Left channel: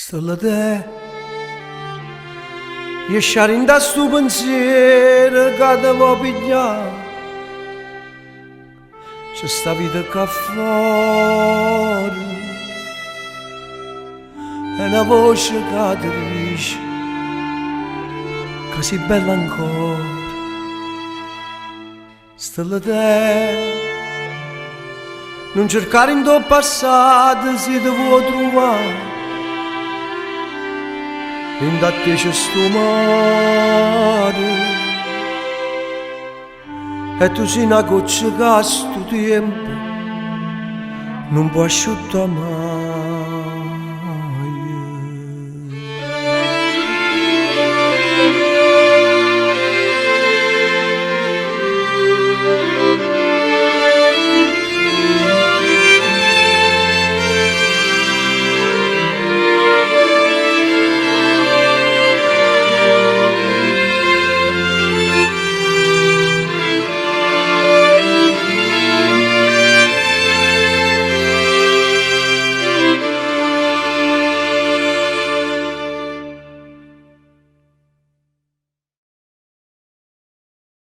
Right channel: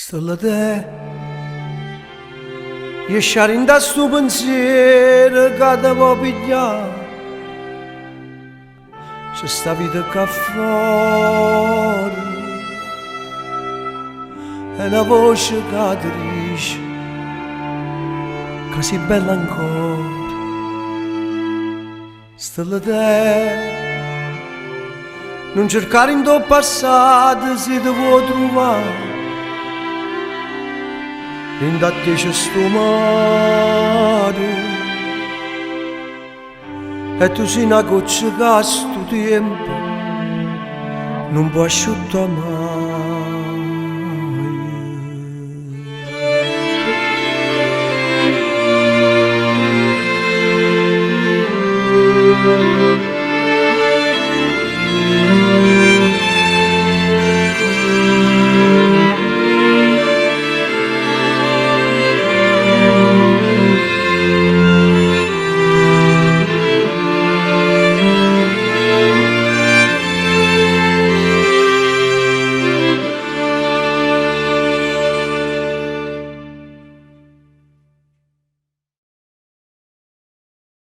Stella te, lasciare in da sto pensiero che ti può pigliare. C'è sta vita qua fuori, è una voce che ti dice che sei bella ancora. Stella te, non cercare in tuo passato se ti vuoi trovare. In da te c'è sto mare e tu sei una goccia che a sto tempo non può asciuttare mai.